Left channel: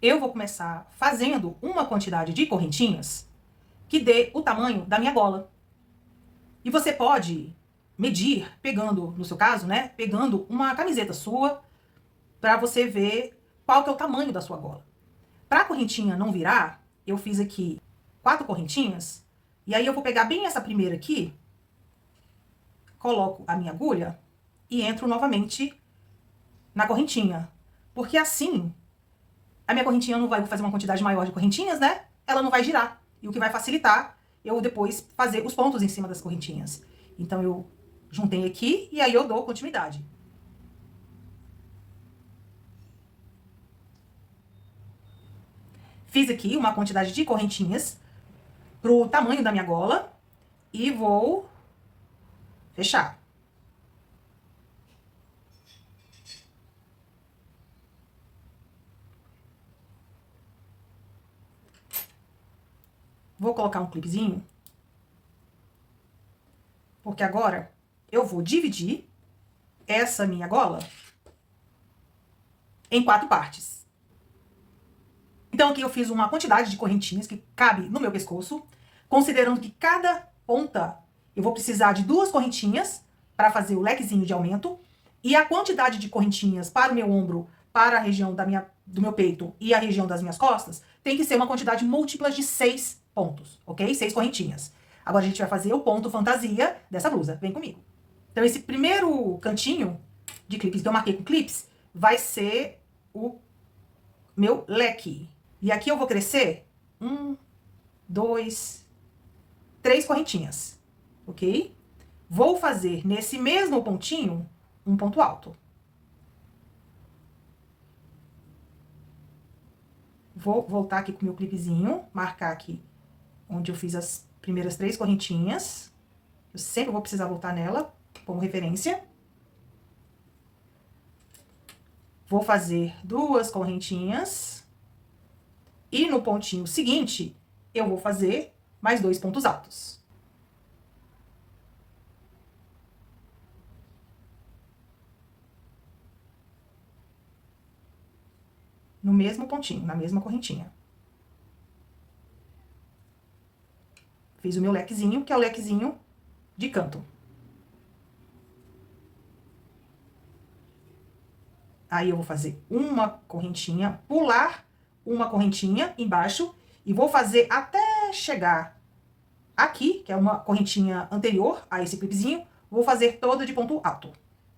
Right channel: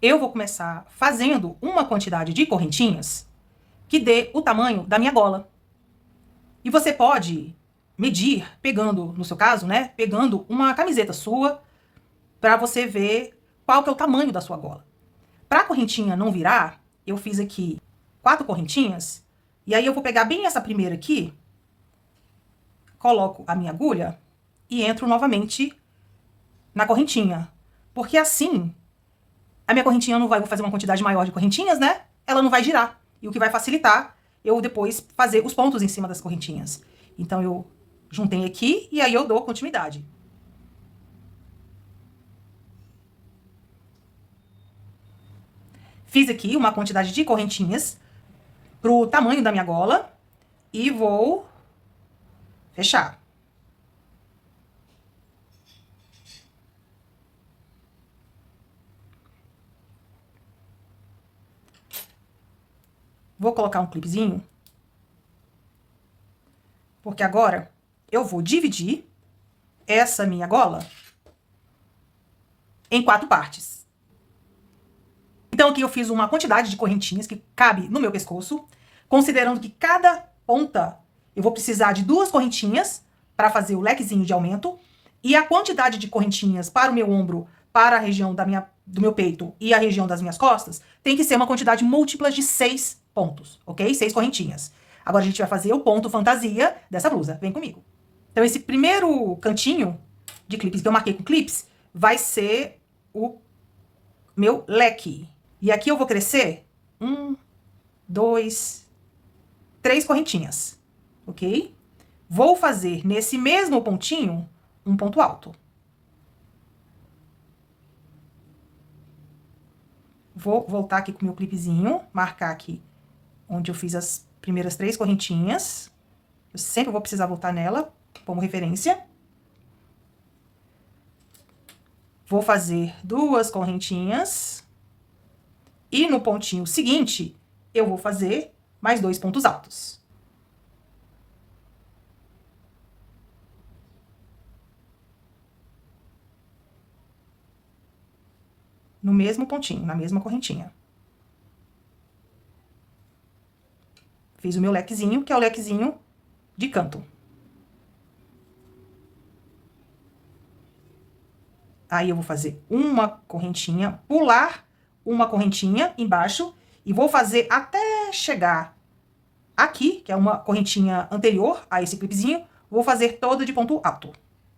eu vou começar fazendo uma quantidade de correntinhas que dê o tamanho da minha gola. E você pode medir pegando, no seu caso, né, pegando uma camiseta sua para você ver qual que é o tamanho da sua gola. Para a correntinha não virar, eu fiz aqui 4 correntinhas, e aí eu vou pegar bem essa primeira aqui, coloco a minha agulha e entro novamente na correntinha. Porque assim, a minha correntinha não vai fazer uma quantidade maior de correntinhas, né? Ela não vai girar. E o que vai facilitar eu depois fazer os pontos em cima das correntinhas. Então, eu juntei aqui e aí eu dou continuidade. Fiz aqui uma quantidade de correntinhas pro tamanho da minha gola e vou fechar. Vou colocar um clipezinho, porque agora eu vou dividir essa minha gola em 4 partes. Então, aqui eu fiz uma quantidade de correntinhas que cabe no meu pescoço, considerando que cada ponta eu vou precisar de 2 correntinhas para fazer o lequezinho de aumento, e a quantidade de correntinhas para o meu ombro, para a região do meu peito e a região das minhas costas, tem que ser uma quantidade múltipla de 6 pontos, ok? 6 correntinhas. Agora a gente vai fazer o ponto fantasia dessa blusa. Vem comigo. Então, esse primeiro cantinho de clipes que eu marquei com clips vai ser o meu leque. E aqui eu vou crescer 1, 2, 3 correntinhas, ok? Vou fazer nesse mesmo pontinho um ponto alto. Vou voltar aqui com o meu clipezinho, marcar aqui onde eu fiz as primeiras 3 correntinhas. Eu sempre vou precisar voltar nela como referência. Vou fazer 2 correntinhas. E no pontinho seguinte, eu vou fazer mais 2 pontos altos. No mesmo pontinho, na mesma correntinha. Fiz o meu lequezinho, que é o lequezinho de canto. Aí eu vou fazer uma correntinha, pular uma correntinha embaixo e vou fazer até chegar aqui, que é uma correntinha anterior a esse clipezinho, vou fazer toda de ponto alto.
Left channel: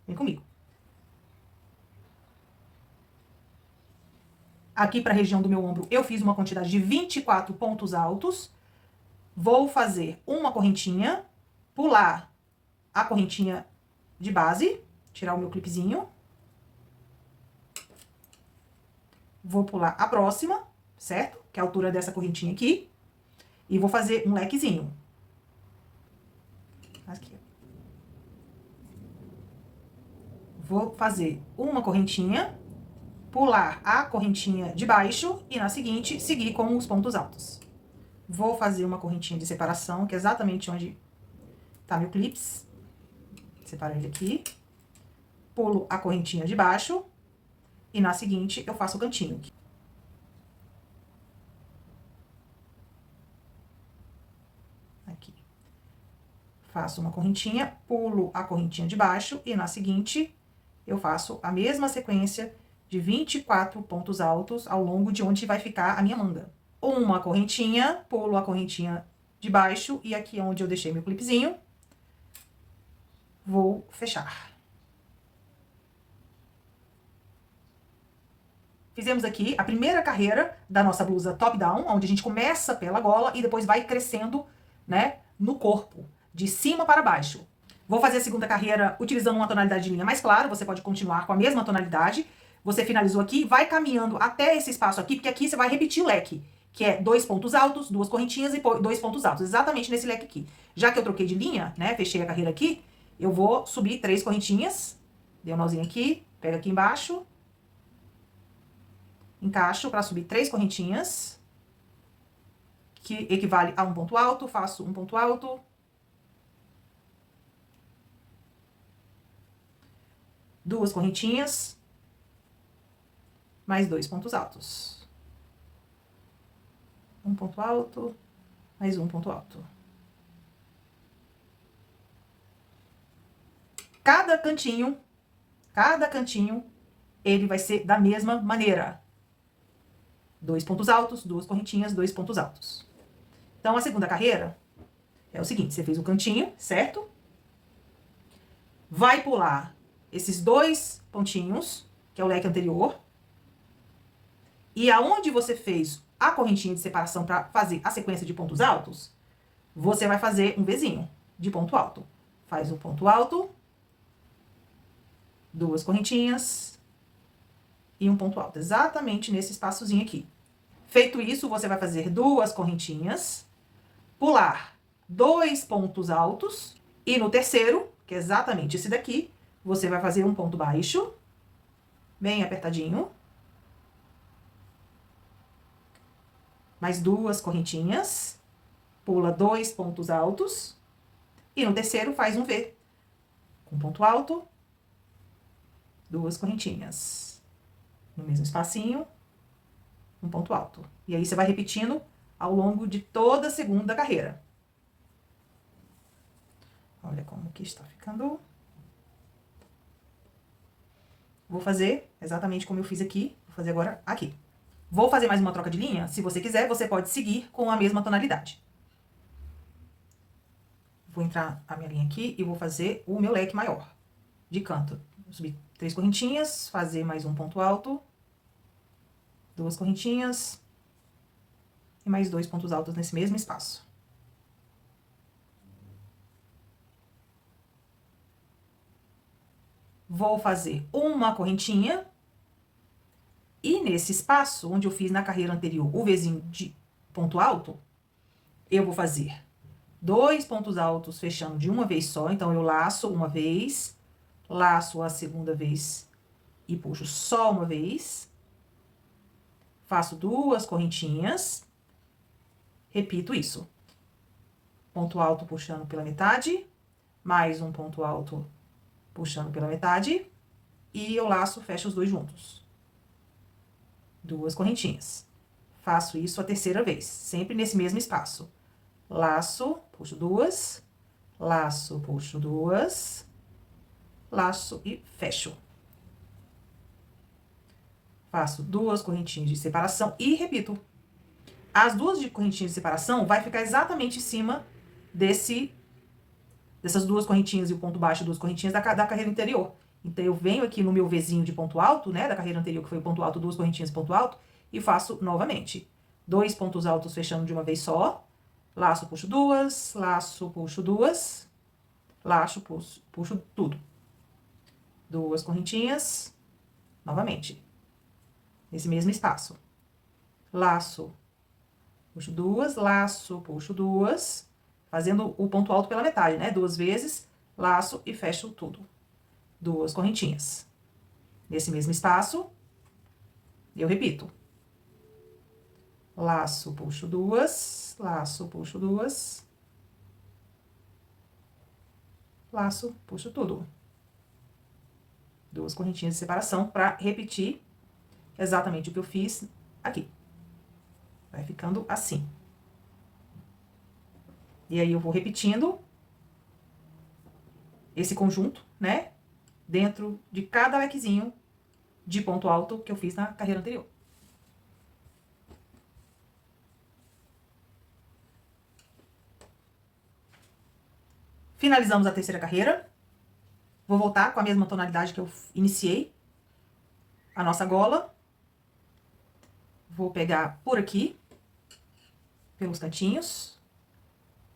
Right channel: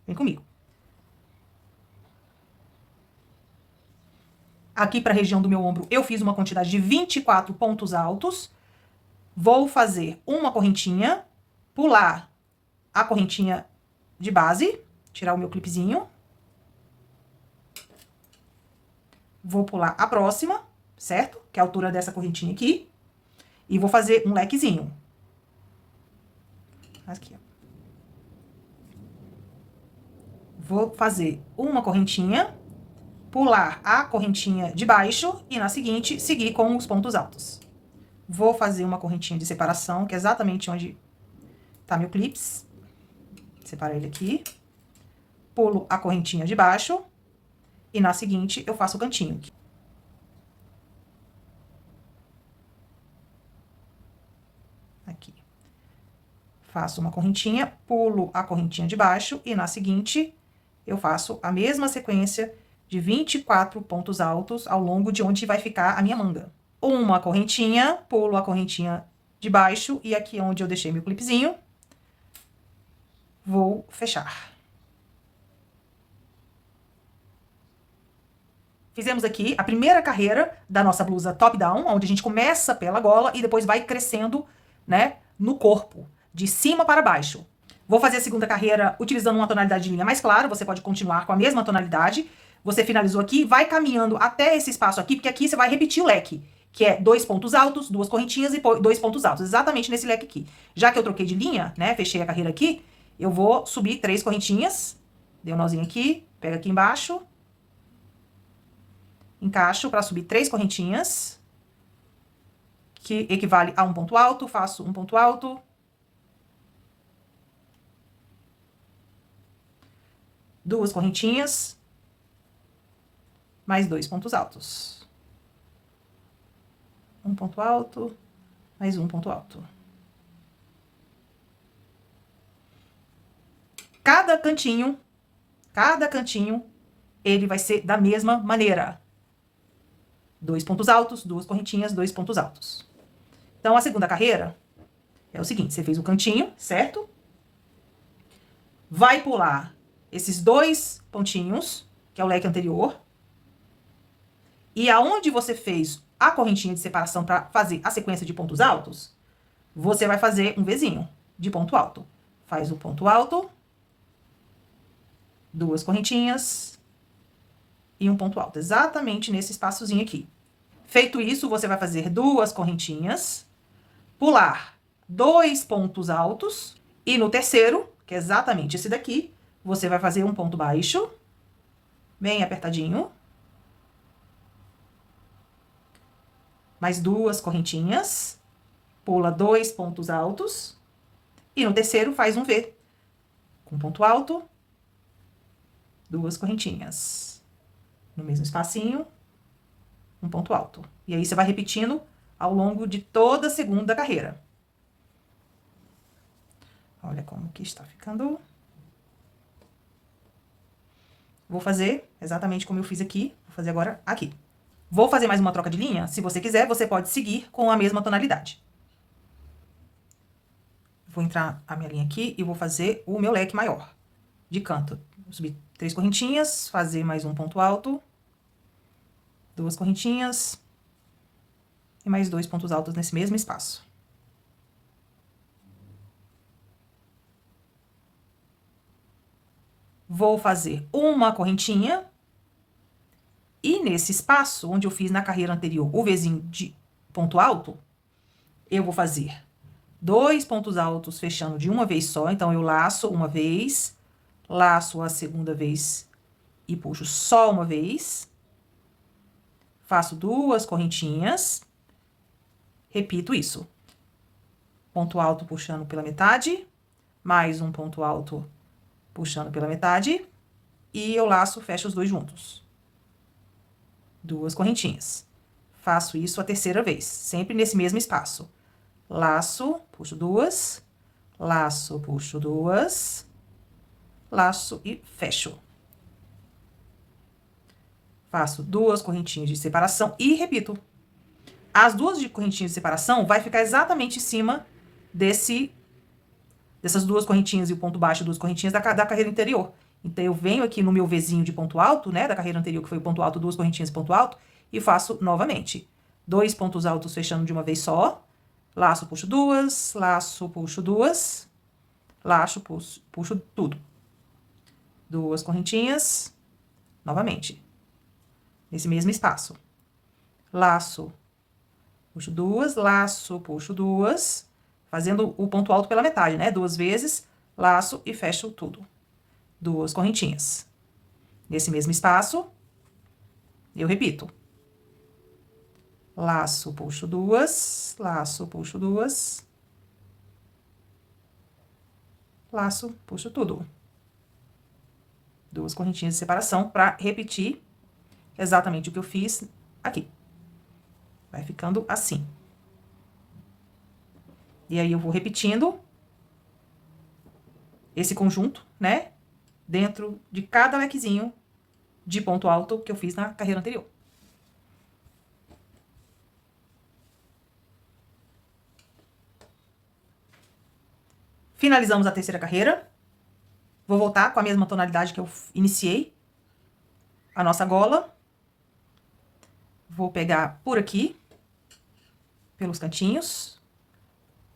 Vem comigo. Aqui para a região do meu ombro, eu fiz uma quantidade de 24 pontos altos. Vou fazer uma correntinha, pular a correntinha de base, tirar o meu clipezinho. Vou pular a próxima, certo? Que é a altura dessa correntinha aqui. E vou fazer um lequezinho. Aqui, ó. Vou fazer uma correntinha, pular a correntinha de baixo e na seguinte, seguir com os pontos altos. Vou fazer uma correntinha de separação, que é exatamente onde tá meu clips. Separar ele aqui. Pulo a correntinha de baixo e na seguinte eu faço o cantinho. Aqui. Faço uma correntinha, pulo a correntinha de baixo e na seguinte eu faço a mesma sequência de 24 pontos altos ao longo de onde vai ficar a minha manga. Uma correntinha, pulo a correntinha de baixo e aqui onde eu deixei meu clipezinho, vou fechar. Fizemos aqui a primeira carreira da nossa blusa top-down, onde a gente começa pela gola e depois vai crescendo, né, no corpo, de cima para baixo. Vou fazer a segunda carreira utilizando uma tonalidade de linha mais clara, você pode continuar com a mesma tonalidade. Você finalizou aqui, vai caminhando até esse espaço aqui, porque aqui você vai repetir o leque, que é 2 pontos altos, 2 correntinhas e 2 pontos altos, exatamente nesse leque aqui. Já que eu troquei de linha, né, fechei a carreira aqui, eu vou subir 3 correntinhas, dei um nozinho aqui, pega aqui embaixo, encaixo para subir 3 correntinhas, que equivale a um ponto alto, faço um ponto alto, 2 correntinhas, mais 2 pontos altos. Um ponto alto, mais um ponto alto. Cada cantinho, ele vai ser da mesma maneira. 2 pontos altos, 2 correntinhas, 2 pontos altos. Então, a segunda carreira é o seguinte, você fez o cantinho, certo? Vai pular esses 2 pontinhos, que é o leque anterior. E aonde você fez a correntinha de separação para fazer a sequência de pontos altos, você vai fazer um Vzinho de ponto alto. Faz um ponto alto, 2 correntinhas e um ponto alto, exatamente nesse espaçozinho aqui. Feito isso, você vai fazer 2 correntinhas, pular 2 pontos altos e no terceiro, que é exatamente esse daqui, você vai fazer um ponto baixo, bem apertadinho. Mais 2 correntinhas, pula 2 pontos altos e no terceiro faz um V. Com ponto alto, 2 correntinhas. No mesmo espacinho, um ponto alto. E aí, você vai repetindo ao longo de toda a segunda carreira. Olha como que está ficando. Vou fazer exatamente como eu fiz aqui. Vou fazer agora aqui. Vou fazer mais uma troca de linha. Se você quiser, você pode seguir com a mesma tonalidade. Vou entrar a minha linha aqui e vou fazer o meu leque maior de canto. Vou subir 3 correntinhas, fazer mais um ponto alto, 2 correntinhas e mais 2 pontos altos nesse mesmo espaço. Vou fazer uma correntinha e nesse espaço onde eu fiz na carreira anterior o Vzinho de ponto alto, eu vou fazer 2 pontos altos fechando de uma vez só. Então, eu laço uma vez, laço a segunda vez e puxo só uma vez. Faço 2 correntinhas, repito isso. Ponto alto puxando pela metade, mais um ponto alto puxando pela metade, e eu laço, fecho os 2 juntos. 2 correntinhas. Faço isso a terceira vez, sempre nesse mesmo espaço. Laço, puxo 2, laço, puxo 2, laço e fecho. Faço 2 correntinhas de separação e repito. As 2 correntinhas de separação vai ficar exatamente em cima dessas 2 correntinhas e o ponto baixo, 2 correntinhas da carreira anterior. Então, eu venho aqui no meu Vzinho de ponto alto, né, da carreira anterior, que foi o ponto alto, 2 correntinhas e ponto alto, e faço novamente. 2 pontos altos fechando de uma vez só. Laço, puxo 2, laço, puxo 2, laço, puxo tudo. 2 correntinhas, novamente. Nesse mesmo espaço. Laço, puxo 2, laço, puxo 2, fazendo o ponto alto pela metade, né? 2 vezes, laço e fecho tudo. 2 correntinhas. Nesse mesmo espaço, eu repito. Laço, puxo 2, laço, puxo 2, laço, puxo tudo. 2 correntinhas de separação para repetir exatamente o que eu fiz aqui. Vai ficando assim. E aí, eu vou repetindo esse conjunto, né? Dentro de cada lequezinho de ponto alto que eu fiz na carreira anterior. Finalizamos a terceira carreira. Vou voltar com a mesma tonalidade que eu iniciei a nossa gola. Vou pegar por aqui, pelos cantinhos.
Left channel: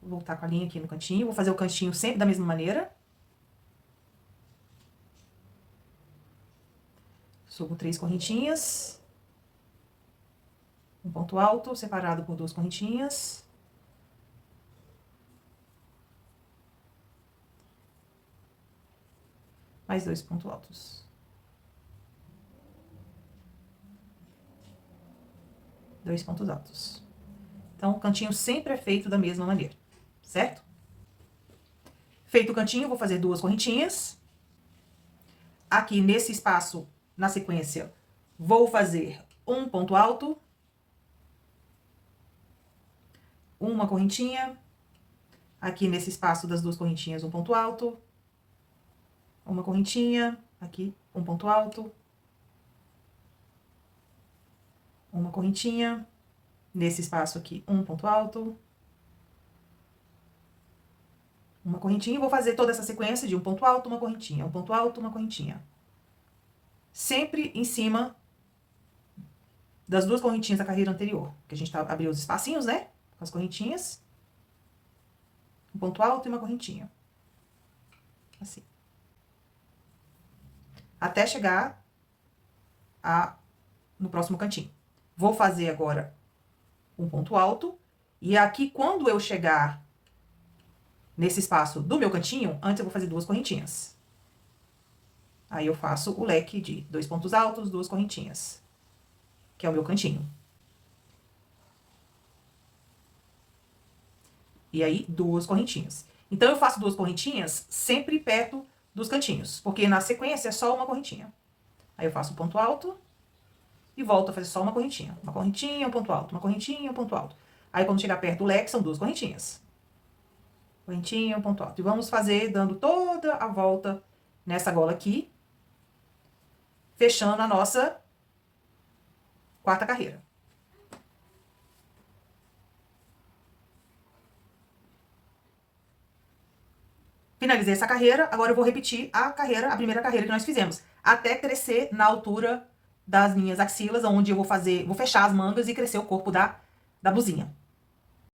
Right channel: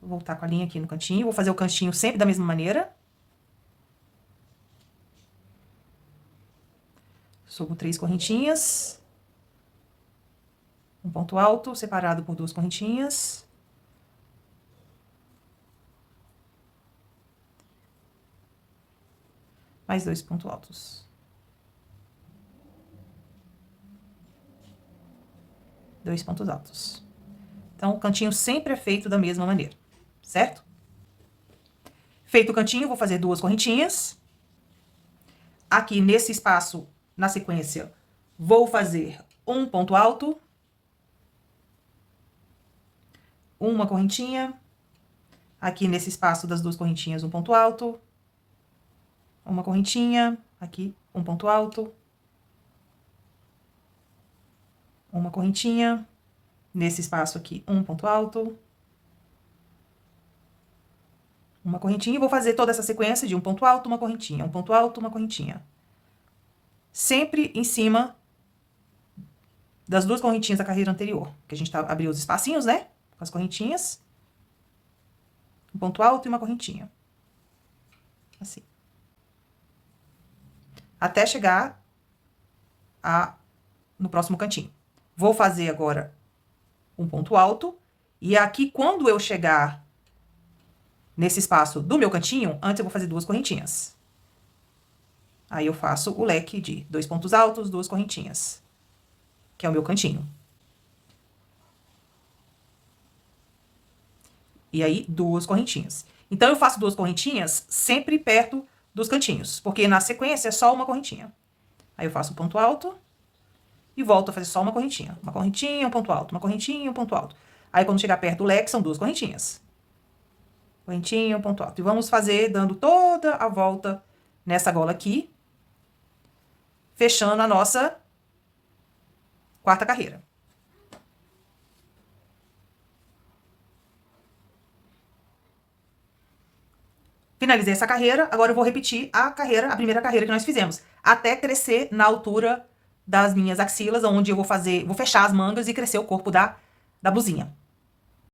Vou voltar com a linha aqui no cantinho. Vou fazer o cantinho sempre da mesma maneira. Subo 3 correntinhas. Um ponto alto, separado por 2 correntinhas. Mais 2 pontos altos. 2 pontos altos. Então, o cantinho sempre é feito da mesma maneira, certo? Feito o cantinho, vou fazer 2 correntinhas. Aqui, nesse espaço, na sequência, vou fazer um ponto alto. uma correntinha. Aqui nesse espaço das duas correntinhas, um ponto alto. Uma correntinha. Aqui, um ponto alto. Uma correntinha. Nesse espaço aqui, um ponto alto. Uma correntinha. E vou fazer toda essa sequência de um ponto alto, uma correntinha. Um ponto alto, uma correntinha. Sempre em cima das duas correntinhas da carreira anterior. Que a gente abriu os espacinhos, né? Com as correntinhas. Um ponto alto e uma correntinha. Assim. Até chegar no próximo cantinho. Vou fazer agora um ponto alto. E aqui, quando eu chegar nesse espaço do meu cantinho, antes eu vou fazer duas correntinhas. Aí eu faço o leque de 2 pontos altos, 2 correntinhas. Que é o meu cantinho. E aí, 2 correntinhas. Então, eu faço 2 correntinhas sempre perto dos cantinhos. Porque na sequência é só uma correntinha. Aí eu faço um ponto alto. E volto a fazer só uma correntinha. Uma correntinha, um ponto alto. Uma correntinha, um ponto alto. Aí, quando chegar perto do leque, são 2 correntinhas. Correntinha, um ponto alto. E vamos fazer dando toda a volta nessa gola aqui. Fechando a nossa quarta carreira. Finalizei essa carreira, agora eu vou repetir a primeira carreira que nós fizemos, até crescer na altura das minhas axilas, onde eu vou fechar as mangas e crescer o corpo da blusinha.